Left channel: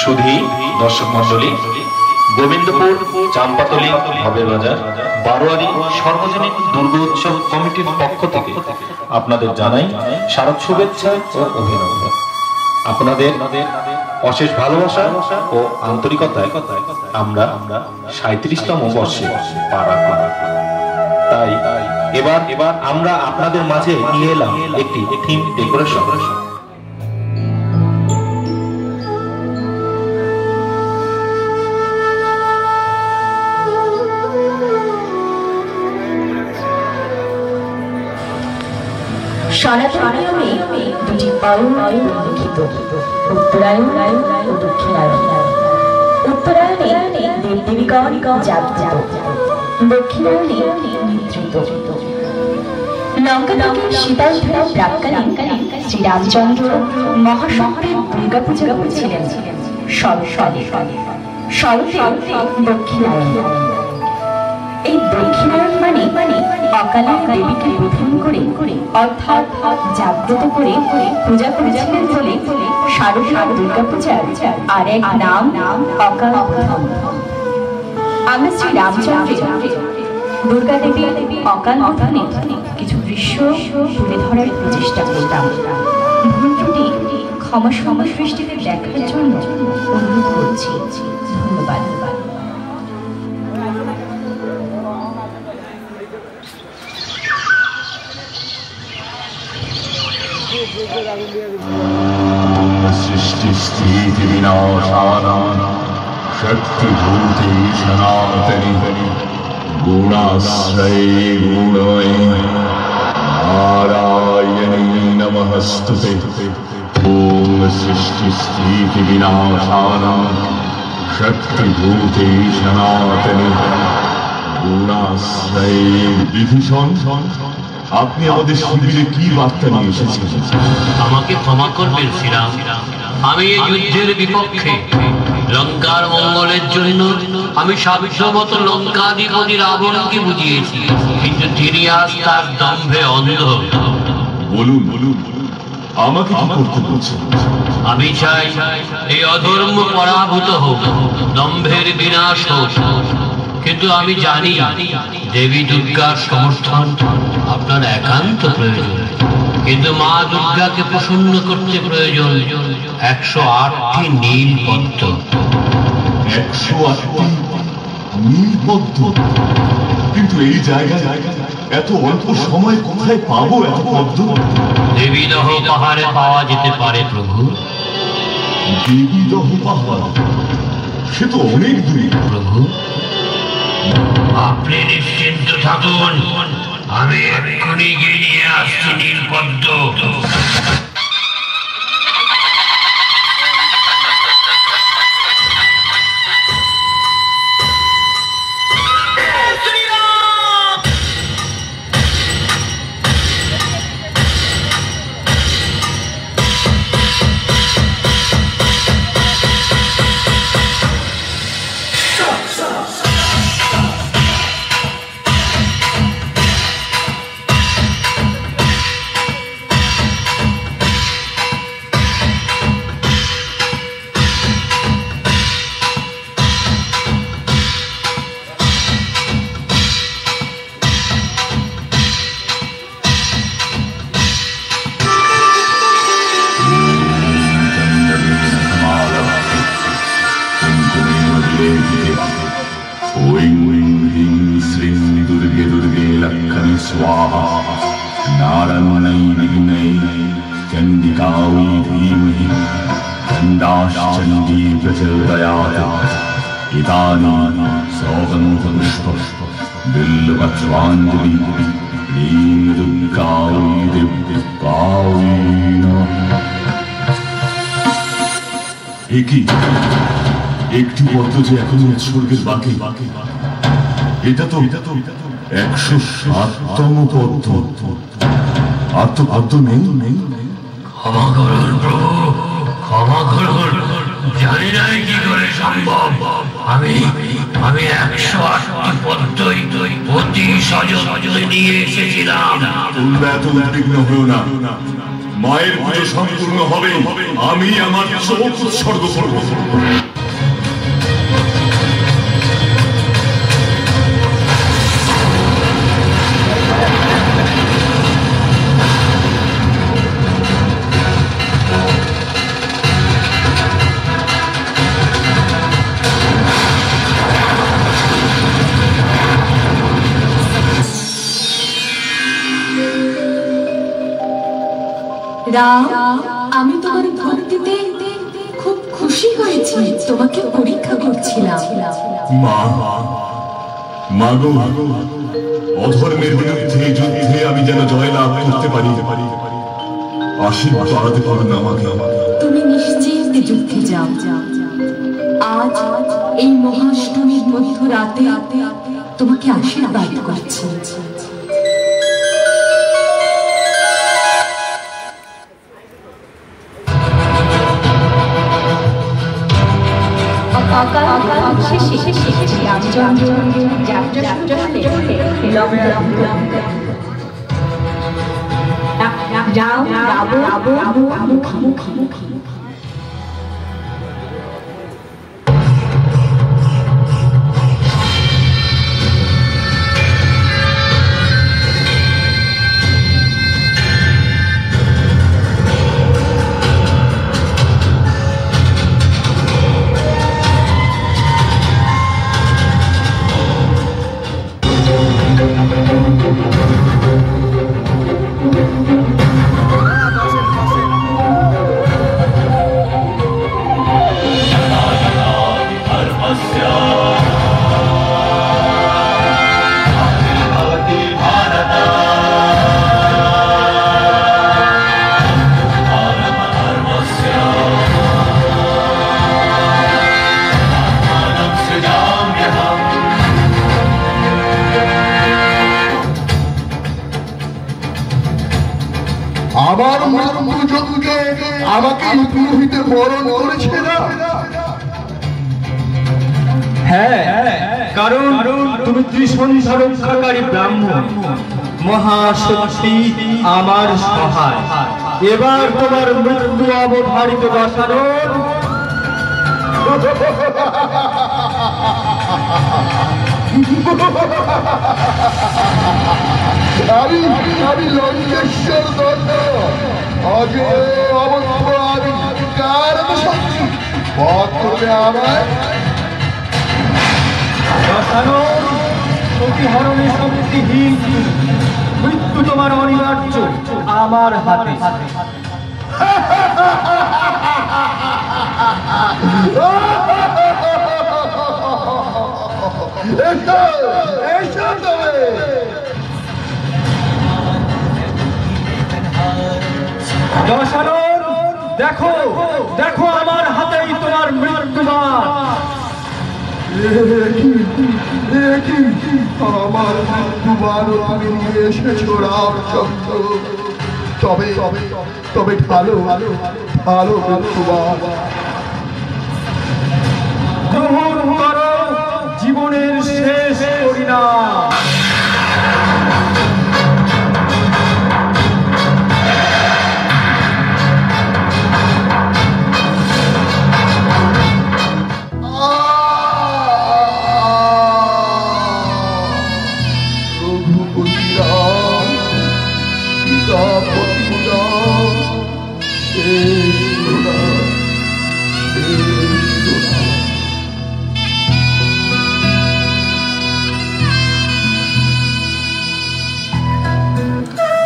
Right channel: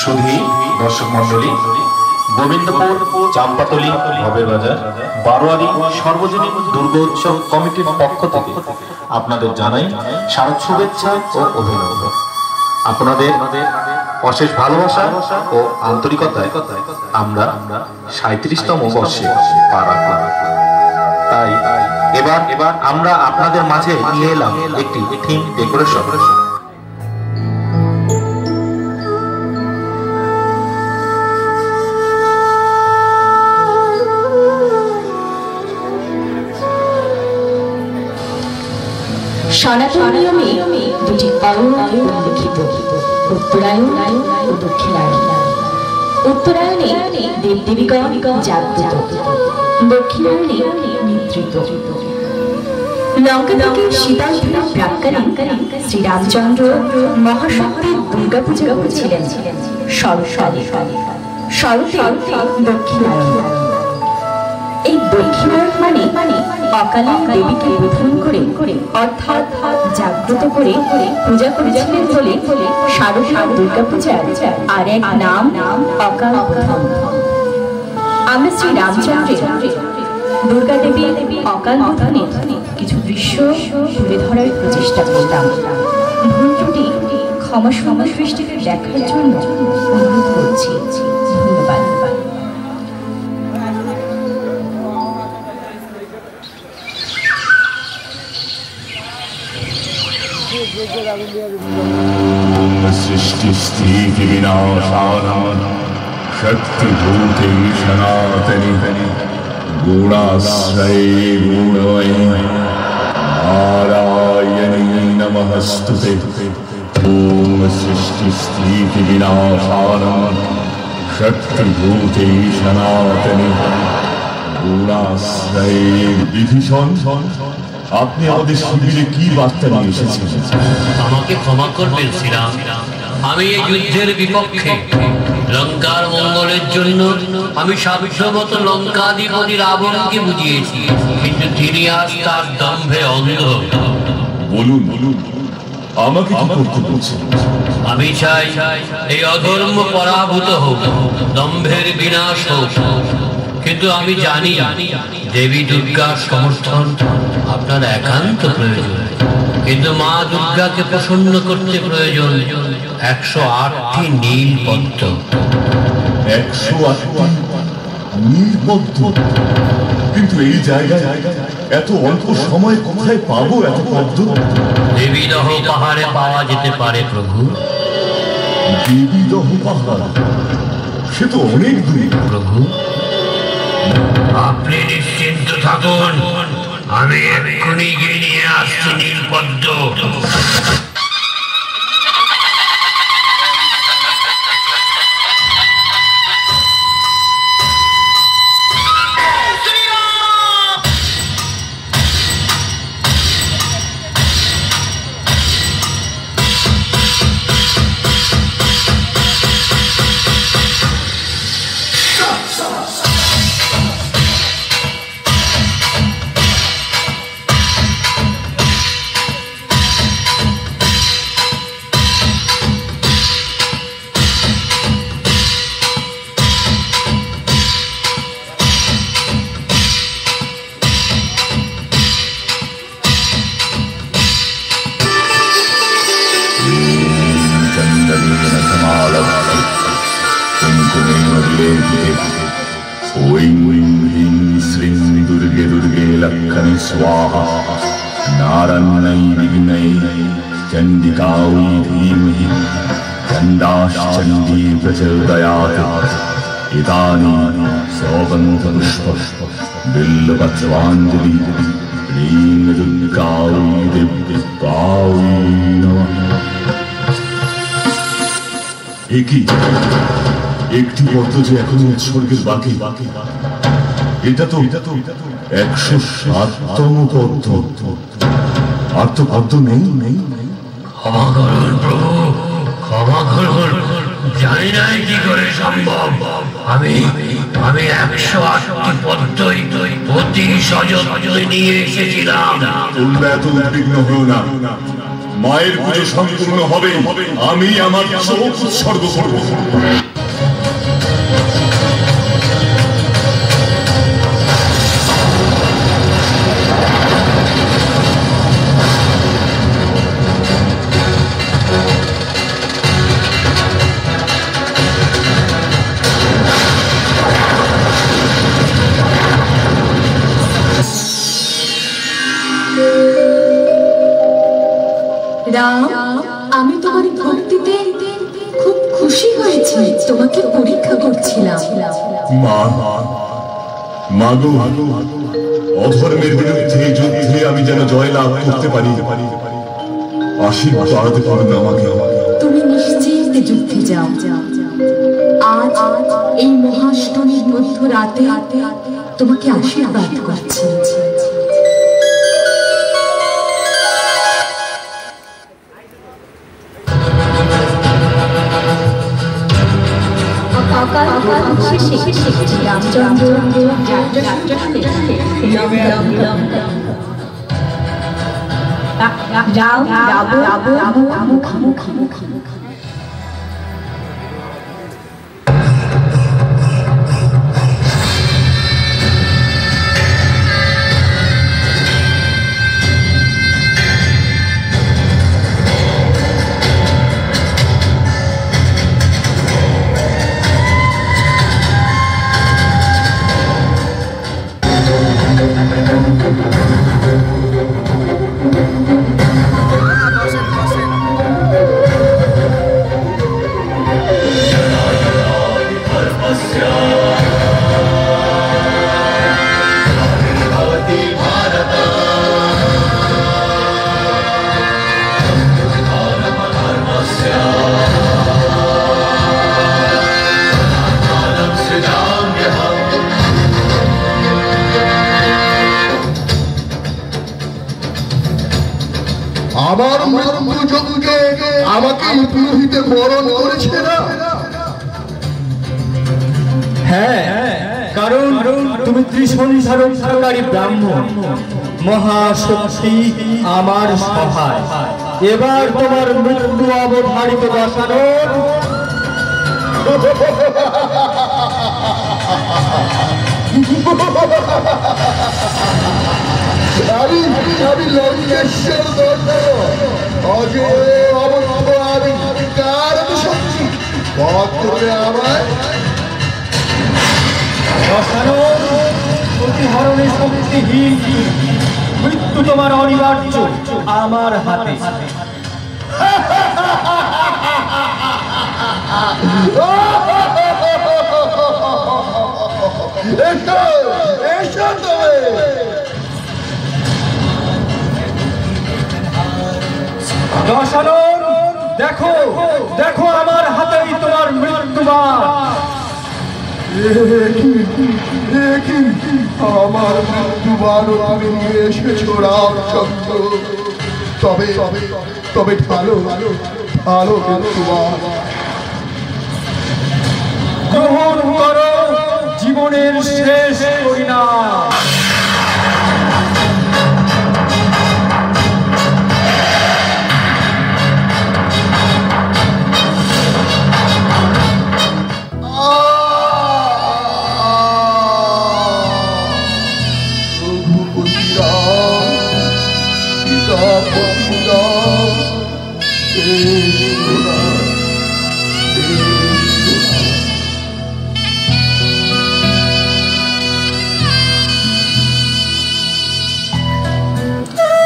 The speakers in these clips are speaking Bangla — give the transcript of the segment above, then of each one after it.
সুধী দর্শক মন্ডলী, গোবিন্দপুর চাম্পাতলী ভবের বাজার বারোয়ারি সর্বজনীন দুর্গোৎসব কমিটির পক্ষ থেকে আপনাদের জানাই শারদ শুভেচ্ছা ও অভিনন্দন। আপনাদের অশেষ ভালোবাসা ও আন্তরিকতায় আমরা 37তম বর্ষে পা রাখলাম। তাই এবার আমরা আপনাদের মাঝে নিয়ে এলাম একটি থিম ডেকোরেশন। সনাতন নিয়মে দুটি অয়ন উল্লেখিত, উত্তরায়ণ ও দক্ষিণায়ন। উত্তরায়ণে দেবদেবীগণ জাগ্রত, দক্ষিণায়নে নিদ্রিত। লঙ্কা থেকে সীতা উদ্ধারের প্রাক্কালে শ্রীরামচন্দ্র মহাশঙ্করের দুর্গা পূজা করেছিলেন শরতে দক্ষিণায়ন। এই দক্ষিণায়ন মানে অকালে দেবীকে বোধন করে অর্থাৎ জাগ্রত করে পূজা করেছিলেন বলে শারদীয় দুর্গা পূজার আর এক নাম অকাল বোধন। আমরা শ্রী রামচন্দ্রের দুর্গা দেবীর অকাল বোধনের কিছু দৃশ্য তুলে ধরার প্রচেষ্টা করতাম। ভুল ত্রুটি ক্ষমা সৃষ্টিতে দেখার জন্য অনুরোধ করছি। ধন্যবাদ। सृष्टि स्थिति विनाशानां शक्तिभूते सनातनि गुणाश्रये गुणमयी नारायणी नमस्तुते। ॐ सृष्टि स्थिति विनाशानां शक्तिभूते सनातनि गुणाश्रये। বিভীষণ, আপনি আমাদের শিবিরে কি বার্তা নিয়ে এসেছেন? আমাকে ক্ষমা করবেন শ্রীরাম, আমি এই যুদ্ধের বিপক্ষে। লঙ্কার মঙ্গলের জন্য আমি সাবিত্রবত লঙ্কাধিপতি রাবণকে বুঝিয়েছি, কিন্তু তিনি আজ তার দম্ভে অন্ধ। বলুন বলুন, আমাকে কি করতে বলছেন? আমি চাই এই অধর্ম পরাভূত হোক, দম্ভের বিনাশ হোক। কিন্তু আমি জানি দেবী দুর্গার সমর্থন আপনার একান্ত প্রয়োজন। কিন্তু মা দুর্গাকে প্রসন্ন করতে প্রয়োজন 108টি নীল পদ্ম। 108টি নীল পদ্ম? কিন্তু এই জায়গায় এত অল্প সময় কোথায় পাবো এত পদ্ম? দেবীদহ পাহাড়ে পাওয়া যেতে পারে প্রভু। দেবীদহ পাহাড়? সে তো অনেক দূরে। প্রভু, আপনি নিশ্চিন্ত থাকুন, আমি এক্ষুনি গিয়ে নিয়ে আসছি নীলপদ্ম। একটি পদ্ম যে এখনো উৎসর্গের বাকি। এটা তো 107তম পদ্ম। আর তো পদ্ম নেই। ক্ষমা করুন প্রভু, ক্ষমা করুন। জানি না কি করে সম্ভব। আমি 108টি পদ্মই অতি সযত্নে নিয়ে এসেছিলাম। তোমরা এত উদ্বিগ্ন হও না। মায়ের পুজো সম্পূর্ণ হবে, আমি আমার চোখ উৎসর্গ করব। রাম, আমি তোমার ভক্তিতে খুব খুশি হয়েছি। তোমাকে পরীক্ষা করছিলাম। মা, মাগো, অধর্মের বিরুদ্ধে যুদ্ধে আমি যেন জয়লাভ করতে পারি, আশীর্বাদ করুন আমাকে। তুমি নিশ্চিন্তে যুদ্ধে যাও। আজ এই মহাষ্টমীর মধ্য রাতে তোমাকে আশীর্বাদ করছি। আমার মৃত্যুযজ্ঞে আমাকে পুরোহিতে বরণ করেছিল। হ্যাঁ, কারণ তুমি ত্রিসন্ধ্যা রক্ষাকারী ব্রাহ্মণ, মহাশক্তি আমার সহায়। এবার তোমার মৃত্যু অবধারিত দশারথ। আমি লঙ্কেশ্বর দণ্ড অজয় অবস্থ আমি কারণ সত্যি পথ করবে আমার প্রতিহরণে শক্তিহীন, মৃত্যু তোমার অনিবার্য আমার হাতে। দশরথ, দেখো দেখো, আমার হাতেই তোমার মৃত্যুবাণ। আমার মৃত্যুবাণ তুমি নিয়ে এসেছো রামচন্দ্র। তবে তবে ভালো ভালো ভালো মৃত্যুবাণ গ্রহণ করো জীবনের শেষ পরিণাম।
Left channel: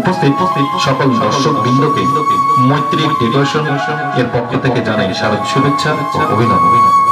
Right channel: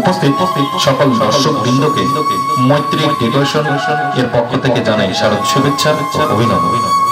উপস্থিত সকল দর্শক বৃন্দকে মৈত্রী টেলিভিশন এর পক্ষ থেকে জানাই শারদ শুভেচ্ছা ও অভিনন্দন।